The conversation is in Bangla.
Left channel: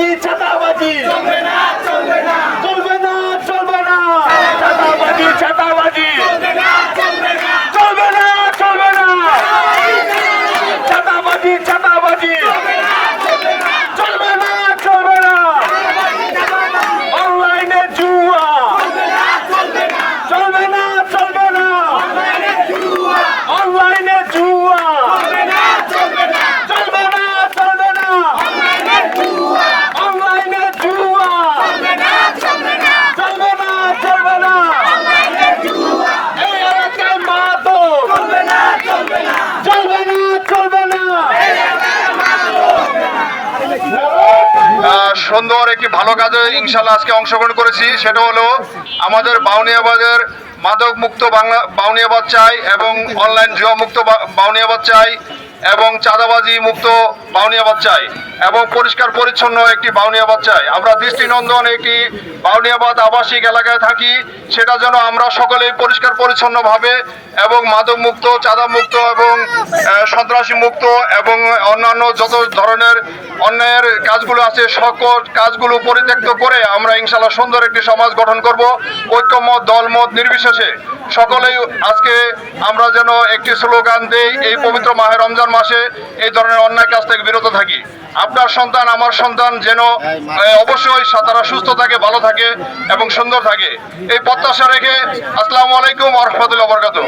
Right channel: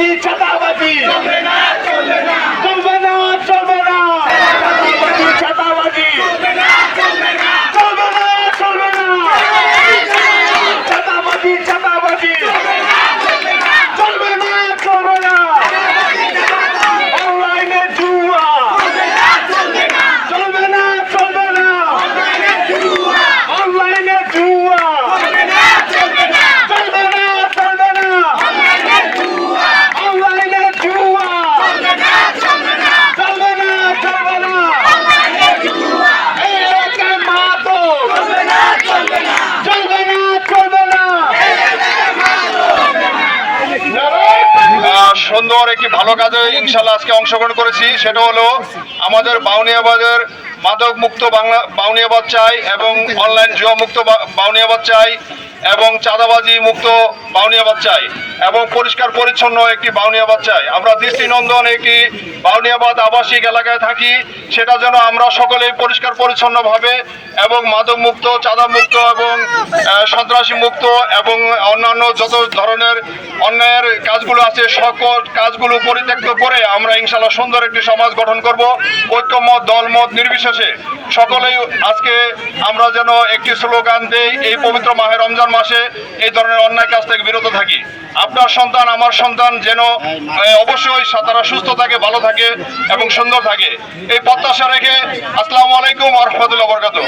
চাঁদাবাজি চাঁদাবাজি চলবে না চলবে না চলবে না চলবে না চাঁদাবাজি চলবে না চলবে না চলবে না চলবে না চাঁদাবাজি চাঁদাবাজি চলবে না চলবে না চলবে না চলবে না অনলাইনে জুয়া চলবে না চলবে না চলবে না চলবে না অনলাইনে জুয়া অনলাইনে জুয়া চলবে না চলবে না চলবে না চলবে না অনলাইনে জুয়া অনলাইনে জুয়া চলবে না চলবে না চলবে না চলবে না অনলাইনে জুয়া এই এলাকায় মাদক চলবে না চলবে না চলবে না চলবে না এই এলাকায় মাদক সুন্দর একটি ভালো কাজে ইনশাল্লাহ আজকে অংশগ্রহণ করেছি। সেটা হলো আমাদের বাউনিয়াবাদের মাদক মুক্ত বাউনিয়াবাদ চাই এবং অনলাইন জুয়া মুক্ত বাউনিয়াবাদ চাই এবং চাঁদাবাজি মুক্ত বাউনিয়াবাদ চাই এবং পরিষ্কার পরিচ্ছন্ন একটি বাউনিয়াবাদ চাই। আমরা দৃষ্টিনন্দন একটি বাউনিয়াবাদ আবাসিক এলাকায় থাকি, সেটা যেন আমরা সকলেই পরিষ্কার পরিচ্ছন্নভাবে এবং মাদক মুক্ত চাঁদা মুক্ত এবং সন্ত্রাসী মুক্ত এবং অন্যান্য যত ধরনের অন্যায়ের কাজগুলো আছে সকল কাজগুলো পরিত্যক্ত করে আমরা ইনশাল্লাহ সুন্দর একটি সমাজ গঠন করব। ঐক্যমত দলমত নির্বিশেষে সকলেই আজকে আমরা যেন একটি স্লোগান দেই, এই পবিত্র মাহে রমজান মাসে এই ধরনের অন্যায় কাজ থেকে বিরত থাকি। আপনার সন্তান আমার সন্তান যেন অবশ্যই তারা সুস্থ থাকে, ভালো থাকে এবং সুন্দর থাকে, এই প্রত্যাশা রেখে আসসালামু আলাইকুম ওয়া রাহমাতুল্লাহি ওয়া বারাকাতুহু।